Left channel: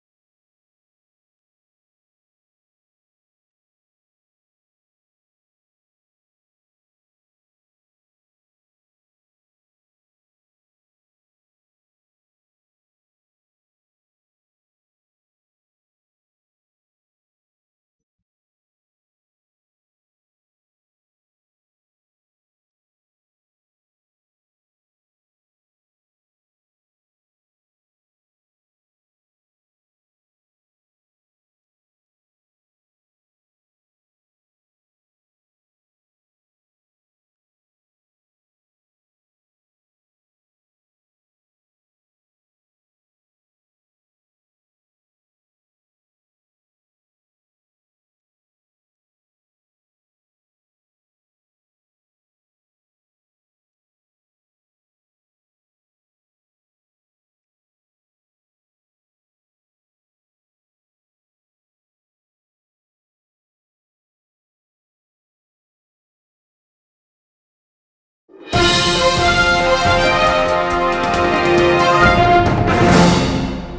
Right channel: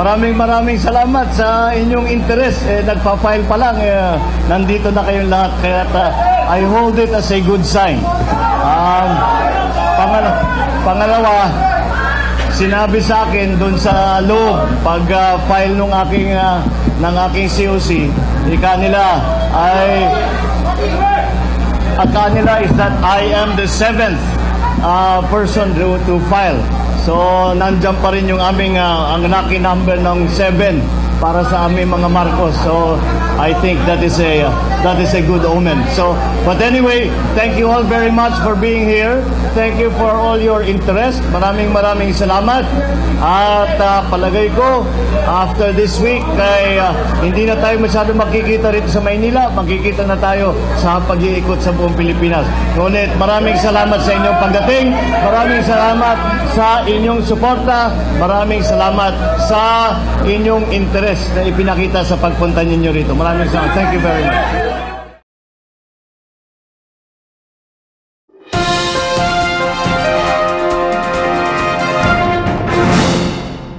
maraming salamat sa inyong interest. Nagpa-file pa lang, nandito na kayong lahat. Kaya I hold it as a good sign. Pangalawa, sinabi sa akin doon sa loob, pag-file ng aking COC, kanila is that I am the 7th person to file. So, nandyan pa rin yung aming ang lucky number ng 7 para sa aming mga Marcos. So, I think that is a good omen. So, but anyway, thank you all very much for being here. Thank you for all your interest. Maraming salamat. At palagay ko, after this week, hindi na tayo masyado makikita rito sa Maynila. Makikita na tayo sa pag-iikot sa buong Pilipinas. Ngunit maraming salamat sa inyong pagdating. Maraming salamat sa inyong suporta. Maraming salamat sa inyong interest na ipinakita sa pagpunta ninyo rito. Maraming salamat. Thank you very much.